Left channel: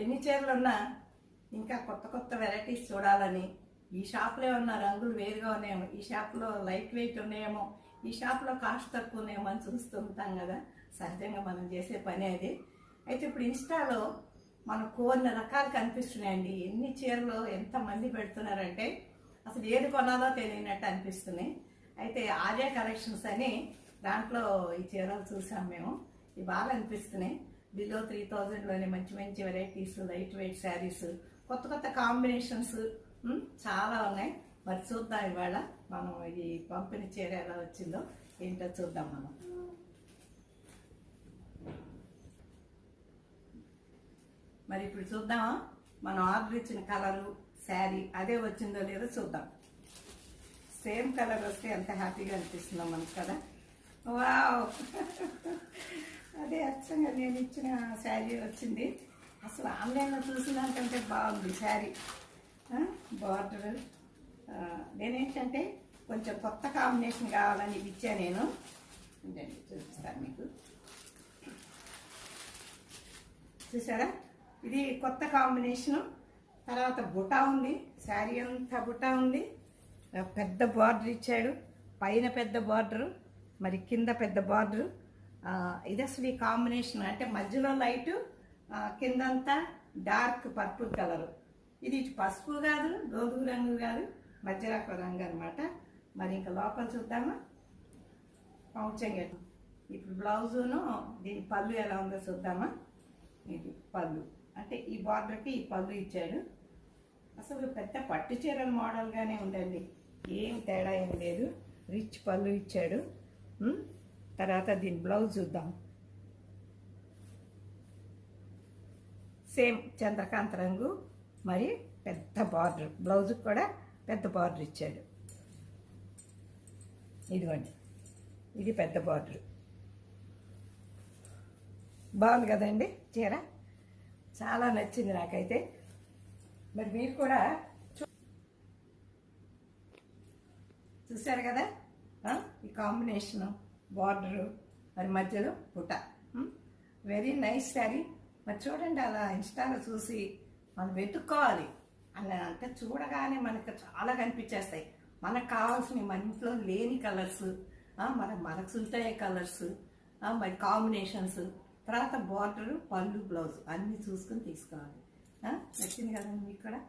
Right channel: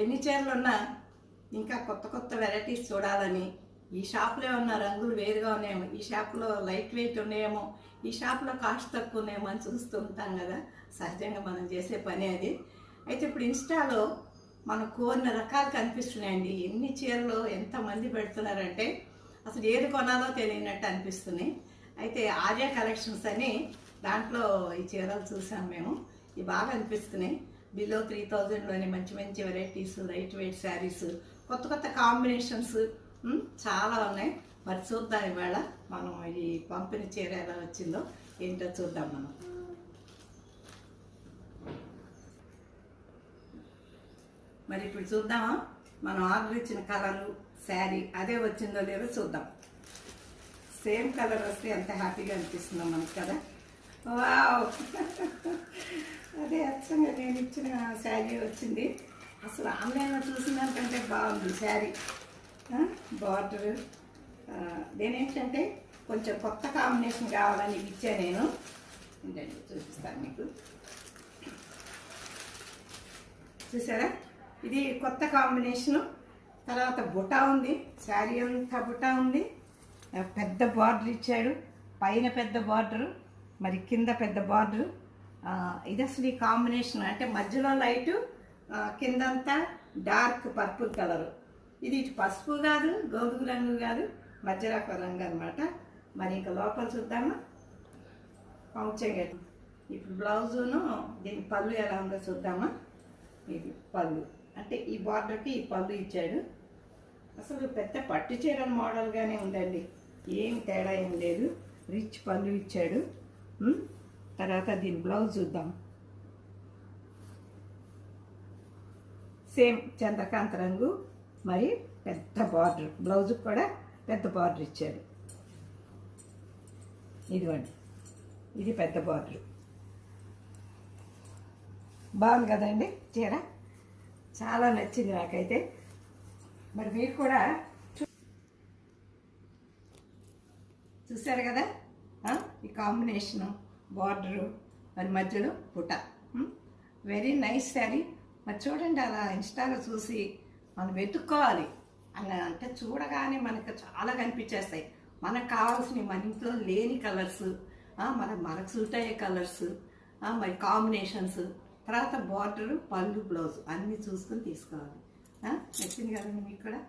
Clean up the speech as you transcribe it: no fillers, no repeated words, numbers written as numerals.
ఎన్ని చీరలు ఉన్నా ఇంకా కొత్త కొత్త వెరైటీస్ చూడాలని, ఈ షాప్లో ఉన్న రంగులు వేరుగా ఉన్నాయేమో, ఈ షాప్లో లైట్ వెయిట్ ఉన్నాయేమో, ఈ షాప్లో కాస్ట్ తక్కువ ఉన్నాయేమో అని చూస్తూ ఉంటాం కదా. సహజంగా మనం చేసే పని అది. అయితే ఇప్పుడు ఇన్స్టాలో మనకు కొన్ని రకాలు కనిపిస్తున్నాయండి. ఎన్ని చీరలు ఎంతమంది పెడుతున్నారంటే అసలు ఏది కొనాలో తెలియనట్టు అనిపిస్తున్నాయి. అయితే ఆర్యా కలెక్షన్స్ అని దాంట్లో ఈ చీరలు చూసాం మేము. ఇవి బాగా అనిపిస్తున్నాయి. బిలో 3000లోనే మంచి మంచి వెరైటీస్, లైట్ వెయిట్ శారీస్, కొత్త కొత్త కాంబినేషన్స్ చాలా ఉన్నాయి. మరి చూద్దాం ఇవాళ మనం ఈ పంపిణీ చీర ఎలా వచ్చిందో ఏంటో చూద్దాం. మరి ఇప్పుడు చూద్దామా మనం ఆర్డర్ ఇచ్చిన కలరు శారీ అదే వచ్చిందో లేదో చూద్దాం. సేమ్ కలర్ వస్తే ఎంత హ్యాపీగా అనిపిస్తుందో మనకు కదా. వావ్, అదే అచ్చంగా నేను ఇచ్చిన శారీ వచ్చింది. అసలు ఆన్లైన్లో చూసినంటే బాగుంది శారీ. బార్డర్ నేనేంటంటే కొంచెం కొత్త కాంబినేషన్ కావాలని ఇచ్చాను నేను. ఏంటంటే చూపిస్తాను మీకు. చూసారా, ఇది కొత్త కాంబినేషను. తర్వాత బుటా ఉంది, శారీ అంతా బుటా ఉంది. పెద్ద బార్డర్ ఇచ్చాడు, పైన పెద్ద బార్డరు, మరి కింద పెద్ద బార్డరు. ఇది అసలు ఈ కాంబినేషన్ అంటే మధ్యలో లైటు, కిందంతా డార్క్ పర్పుల్ కలరు. ఇది ఇటు పసుపు కాదు, గోధుమ రంగు కాదు, మధ్యలో ఒక రంగు అనమాట. మరి ఇంకా లోపల చూద్దామా. పంచగట్టు ఇప్పుడు బ్లౌజును దీని పళ్ళు ఎలా ఉందో చూద్దామా. ఇది పళ్ళు అంటే ఈ బార్డర్కి ఈ పళ్ళు ఇచ్చాడు. అసలు పెద్ద పట్టు చీర మోడల్గానే ఉందండి, ఏం తేడా ఏం లేదు. రిచ్ పళ్ళు ఇచ్చాడు. తర్వాత దీని బ్లౌజ్ చూద్దాం. సేమ్ చంద్రకాంత రంగు, మరి పెద్ద బార్డర్. బ్లౌజ్ కూడా పెద్ద బార్డర్ ఇచ్చాడు. ఇదిగోండి, ఇది పెద్ద బార్డర్. బాగుంది కదండి చీర, చాలా నచ్చింది నాకైతే. మరి మీరు కూడా చూసారు కదా ఈ కాంబినేషను, బార్డరు, మరి మధ్యలో పుట. Very nice sari. మరి చూడండి, అలా ఇన్స్టాలో చూసి మనం వెతుక్కోవాలి. అలా అంటే చూడగానే మనకు చాలా కనిపించేస్తాయి. మనకు కావాల్సినవి, మన ఇంట్లో లేని కలర్స్, మనకు సూట్ అయ్యే కలర్స్, మరి కాంబినేషన్స్, తర్వాత బార్డరు, పళ్ళు, బ్లౌజ్ అన్నీ చూసుకొని తీసుకోవాలి. నచ్చింది కదండి మీకు కూడా.